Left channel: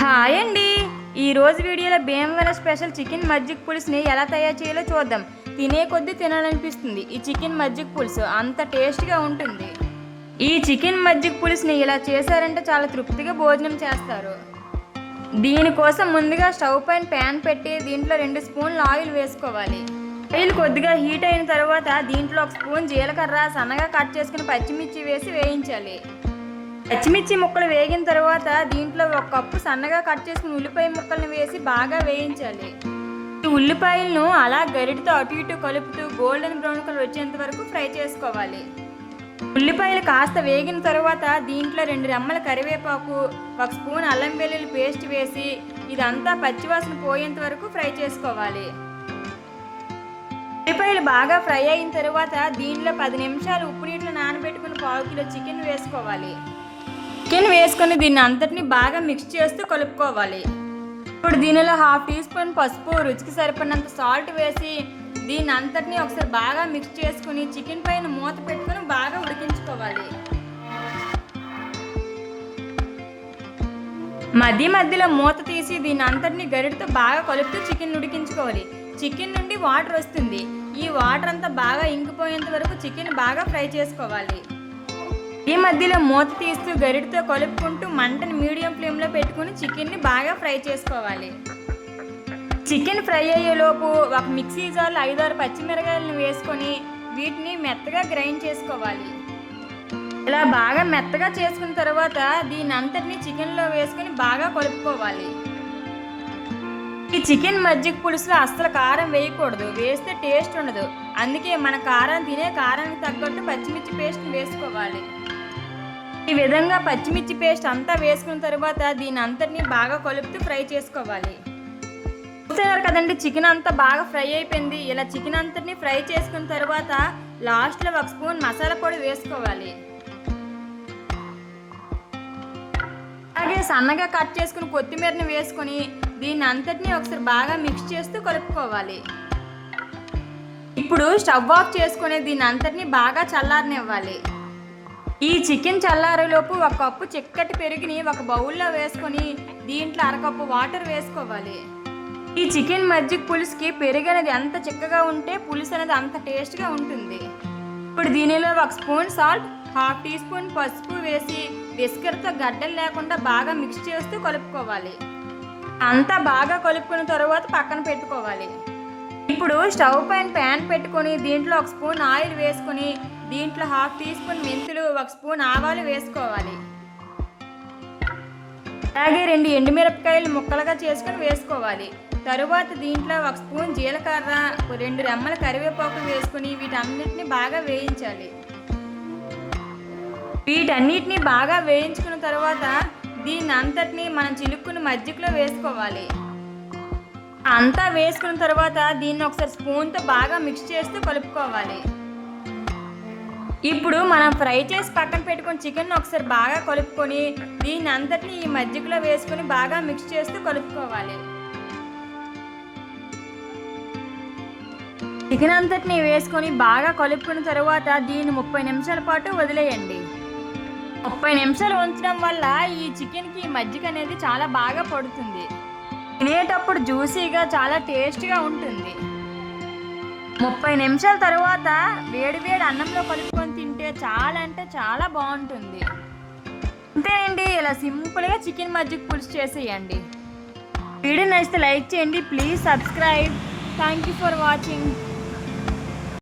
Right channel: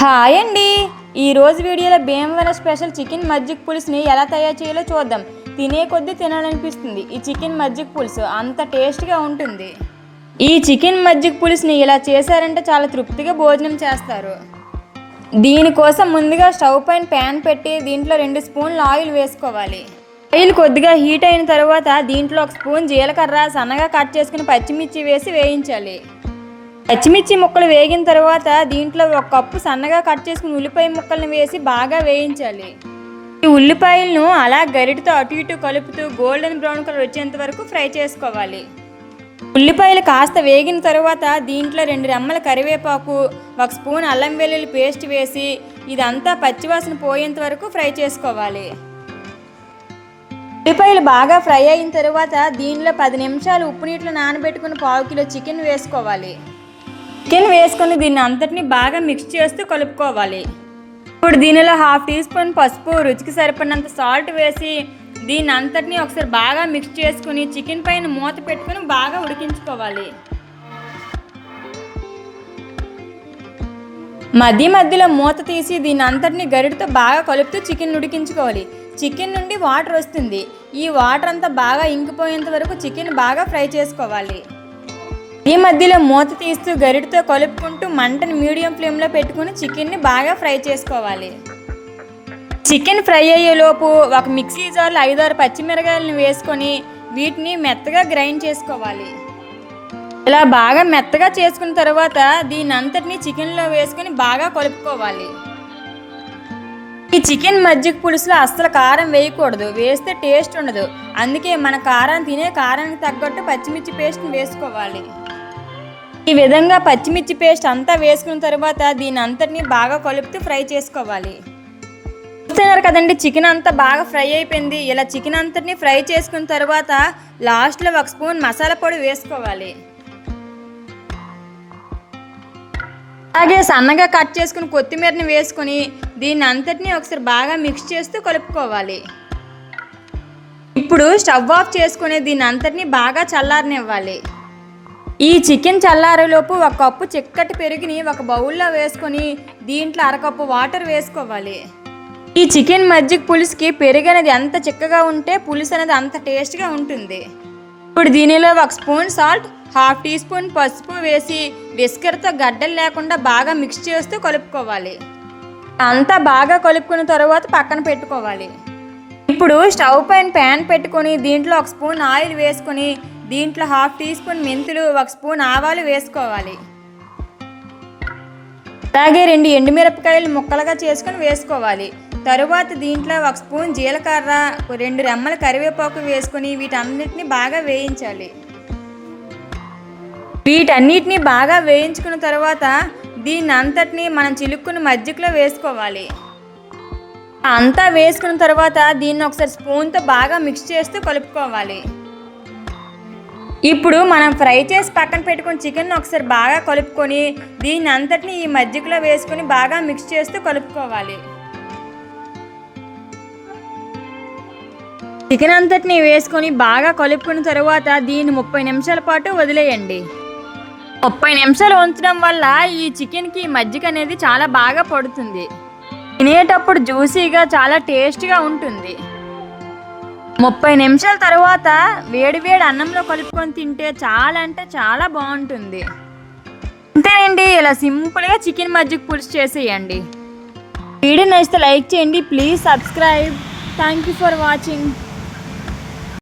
Hi అండి. ఈరోజు వీడియోలో భీమవరం స్పెషల్ చికెన్ మజ్జిగ పులుసుని ఎలా తయారు చేయాలో చూద్దాం. తినే కొద్దీ తినాలనిపిస్తుంది. ఈ చికెన్ మజ్జిగ పులుసు అంత టేస్ట్గా ఉంటుంది. ఈ చికెన్ మజ్జిగ పులుసుని ఇలా చేశారంటే చాలా తృప్తిగా భోజనం చేస్తారు. దీనికోసం ముందుగా స్టవ్ పైన ప్యాన్ పెట్టి దీంట్లో రెండు స్పూన్లు ఆయిల్ వేసుకోవాలి. ఆయిల్ కొద్దిగా హీట్ అయిన తర్వాత దీంట్లో ఒక స్పూన్ జీలకర్ర సన్నగా కట్ చేసుకుని పచ్చిమిర్చి వేసి వేయించాలి. పచ్చిమిర్చి ముక్కలు వేగిన తర్వాత దీంట్లో ఒక కప్పు సన్నగా కట్ చేసుకుని ఉల్లిపాయ ముక్కలను వేసి బాగా వేయించాలి. ఈ ఉల్లిపాయలను అలా గరిటతో అటు ఇటు కలుపుతూ గోల్డెన్ బ్రౌన్ కలర్ వచ్చేంత వరకు ఫ్రై చేసుకోవాలి. ఉల్లిపాయలు కాస్త వేగిన తర్వాత దీంట్లో రెండు రెమ్మల కరివేపాకు ఒక స్పూన్ అల్లం వెల్లుల్లి పేస్ట్ వేసి ఇదంతా పచ్చివాసన పోయేంత వరకు ఫ్రై చేసుకోవాలి. ఉల్లిపాయలు బాగా ఫ్రై అయిన తర్వాత దీనిలో పది నిమిషాలు ఉప్పు నీటిలో నానబెట్టుకుని పావు కిలో చికెన్ వేసుకోవాలి. చికెన్ వేసుకొని దీన్ని అంతటిని బాగా మిక్స్ చేస్తూ కలుపుకోవాలి. ఇప్పుడు దీనిలో హాఫ్ టీ స్పూన్ పసుపు రుచికి సరిపడినంత సాల్ట్ వేసి దీని అంతటిని ఒకసారి బాగా మిక్స్ చేసుకుని చికెన్ పైన మూత పెట్టుకుని బాగా ఉడికించుకోవాలి. మధ్య మధ్యలో మూత తీసి దీని అంతటిని గరిటతో బాగా కలుపుతూ చికెన్ ఉడికించుకోవాలి. చికెన్ నుండి వాటర్ వస్తుంది. ఈ వాటర్ అంతా బాగా ఇంకిపోయేంత వరకు చికెన్ బాగా ఫ్రై చేసుకోవాలి. ఈ మధ్యలో మూత తీస్తూ గరిటతో కలుపుకుంటూ మంటను మీడియం ఫ్లేమ్లో పెట్టుకుని చికెన్ని బాగా ఫ్రై చేసుకోవాలి. చికెన్ ఫ్రై అయ్యేలోపు ఒక మిక్సీ జార్లో ఐదారు పచ్చిమిరకాయలను వేసుకొని వీటిని మెత్తగా గ్రైండ్ చేసుకోవాలి. ఇలా బాగా మెత్తగా చేసుకున్న తర్వాత దీని అంతటిని చికెన్లో వేసుకొని బాగా కలుపుకోవాలి. ఈ చికెన్ మజ్జిగ పులుసులో అస్సలు కారం వేయకూడదు వేస్తే టేస్ట్ ఉండదు. అందుకే మన కారం తినే కారానికి తగ్గట్టు పచ్చిమిర్చి పేస్ట్ని వేసుకోవాలి. ఈ విధంగా పచ్చిమిర్చి పేస్ట్ అంతా వేసుకున్న తర్వాత దీని అంతటిని బాగా కలుపుతూ ఫ్రై చేసుకోవాలి. చూస్తున్నారు కదండి చికెన్ అంతా బాగా ఫ్రై అయిపోయింది. ఇలా చికెన్ అంతటిని ఫ్రై చేసుకున్న తర్వాత లాస్ట్లో ఒక స్పూన్ మసాలా పొడి వేసుకోవాలి. అలాగే సన్నగా కట్ చేసుకుని కొత్తిమీరని వేసుకొని దీన్ని అంతటిని ఒకసారి బాగా మిక్స్ చేస్తూ కలుపుకోవాలి. ఇప్పుడు స్టవ్ ఆఫ్ చేసుకుని దీని అంతటిని బాగా చల్లారనివ్వాలి. ఈ చికెన్ చల్లారేలోపు ఒక కప్పు చిక్కటి పెరుగుని ఒక బౌల్లో వేసుకొని దీంట్లో అరకప్పు వాటర్ వేసుకోవాలి. ఈ చికెన్ మజ్జిగ పులుసుకి పెరుగు అనేది ఎంత చిక్కగా ఉంటే పులుసు అనేది అంత టేస్ట్గా ఉంటుంది. ఇప్పుడు దీనిలో ఒక spoon salt half teaspoon పసుపు వేసి విస్కర్తో గడ్డలు లేకుండా బాగా మిక్స్ చేస్తూ కలుపుకోవాలి. అంతా బాగా కలుపుకున్న తర్వాత పక్కన పెట్టుకోవాలి. ఇప్పుడు స్టవ్ పైన ప్యాన్ పెట్టుకొని దీంట్లో ఒక స్పూన్ ఆయిల్ వేసుకొని దీంట్లో హాఫ్ టీ స్పూన్ మెంతులు ఒక స్పూన్ ఆవాలు వేసుకోవాలి. అలాగే రెండు ఎండుమిరపకాయలు ముక్కలుగా చేసుకొని వేసుకోవాలి. తరువాత దీంట్లో ఒక స్పూన్ జీలకర్ర రెండు రెమ్మల కరివేపాకు వేసుకొని వీటన్నిటిని బాగా వేయించాలి. వీటన్నిటిని బాగా వేయించుకున్న తర్వాత దీన్ని అంతటిని మనం చిలుక్కుని మజ్జిగలో వేసుకోవాలి. అంతా వేసుకున్న తర్వాత దీన్ని ఒకసారి స్పూన్తో బాగా మిక్స్ చేస్తూ కలుపుకోవాలి. ఇప్పుడు మనం ఫ్రై చేసి పక్కన పెట్టుకుని చికెన్ ఒకసారి బాగా కలుపుకొని దీన్ని అంతటిని ఈ మజ్జిగలో వేసుకొని బాగా మిక్స్ చేస్తూ కలుపుకోవాలి. చికెన్ అంతటిని వేసుకొని బాగా కలుపుకున్న తర్వాత దీన్ని ముప్పై నిమిషాల పాటు వదిలేయండి. ముప్పై నిమిషాలు ఉంచడం వల్ల ఈ చికెన్కి మజ్జిగ అనేది చాలా బాగా పడుతుంది. తినేటప్పుడు జ్యూసీగా చాలా టేస్ట్గా ఉంటుంది. ముప్పై నిమిషాల తర్వాత వేడివేడి అన్నంలో కలుపుకొని తింటే చాలా అంటే చాలా బాగుంటుంది. అంతేనండి ఇలా సింపుల్గా చికెన్ మజ్జిగ పులుసు చేసేయండి. వీడియో నచ్చితే లైక్ చేయండి please subscribe. Thank you for watching.